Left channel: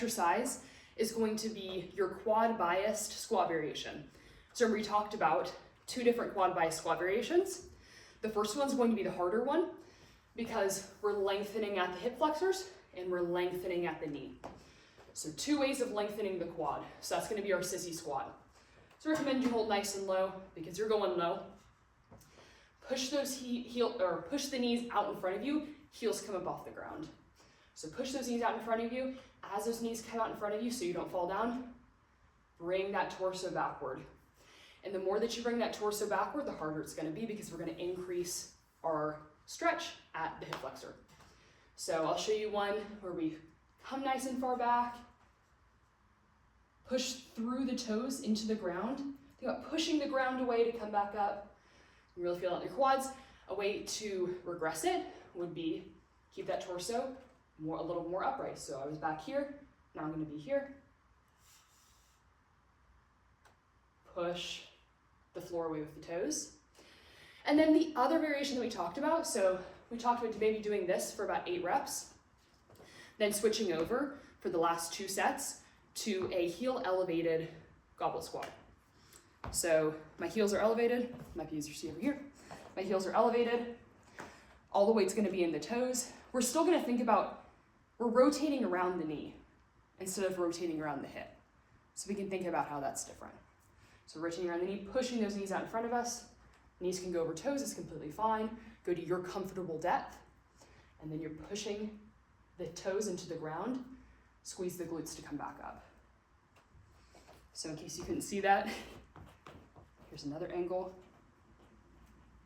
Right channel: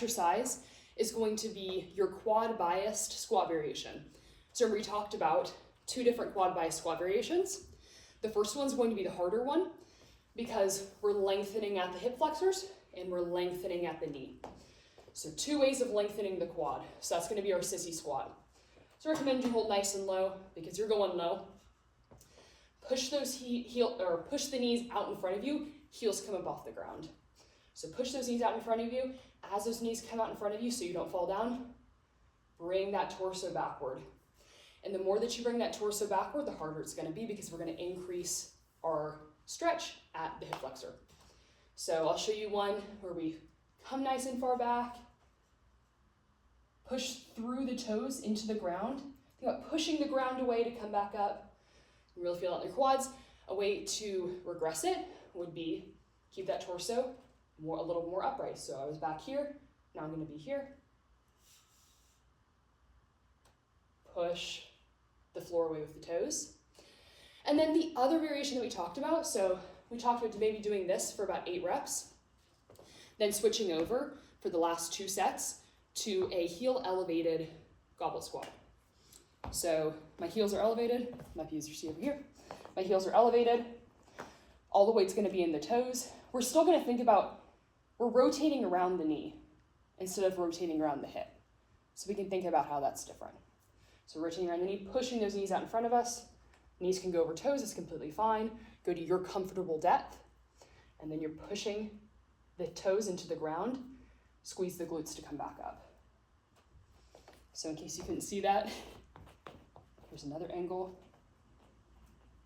exercise is going to be your quad biased squat variation. So we talked about 2 different quad biased squat variations. The first one's going to be the harder one because we're lengthening at the hip flexors and we're lengthening at the knee. So 2 ways of lengthening the quad. So that's going to be our sissy squat. So I recommend you hold nice and low because you're going low. Push those push the knees out in front of you, heels come up off the ground. So push those knees out in front of you. As those knees come out in front of you so you don't fall down, bring that torso backward. And the more that you bring that torso backward, the harder it's going to be because we're going to increase our stretch at the hip flexor. So I'll show you one where we come nice and far back, push through the toes into the ground. Think about pushing the ground away to come back up. You really feel it in your quads. A way to regress it would be keep that torso a little more upright. So I was back here, now I'm going to be here. Push the floor away with the toes. And then the other variation that we talked about, so we talked about maybe doing this for about 8 reps, then switching over for the last 2 sets to a heel elevated goblet squat. So my heels are elevated, might be easier to see over here. My heels are elevated, all the weight's gonna be in the toes. We're still gonna think about, we're rotating around the knee instead of rotating around the hip. So we can think about how that's different. So rotating around the knee, pushing those knees out in front of us. Knees can go over toes, it's completely fine. Go to your comfortable depth. And then you're pushing the toes into the ground, squeeze the glutes to come back up. So in case you couldn't see that, here's another angle.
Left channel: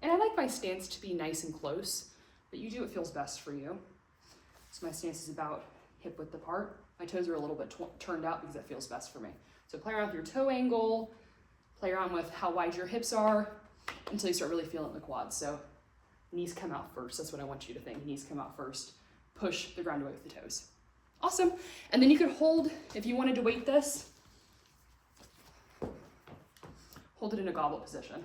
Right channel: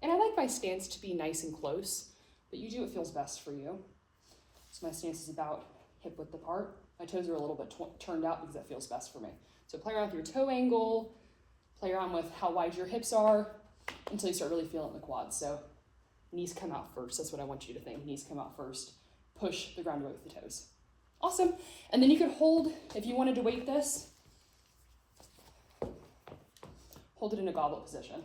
And I like my stance to be nice and close, but you do what feels best for you. So my stance is about hip width apart. My toes are a little bit turned out because that feels best for me. So play around with your toe angle, play around with how wide your hips are until you start really feeling the quads. So knees come out first. That's what I want you to think. Knees come out first. Push the ground away with the toes. Awesome. And then you could hold, if you wanted to weight this, hold it in a goblet position.